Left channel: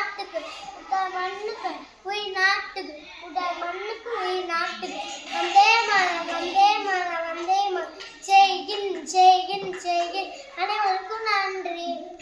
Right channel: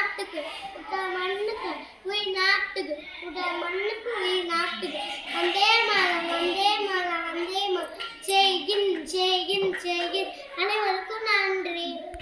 நாட்டுக்கு உடல் மண்ணுக்கு உயிர் நாட்டுக்கு உடல் மண்ணுக்கு உயிர் நாட்டுக்கு. வந்தே மரம் வந்தே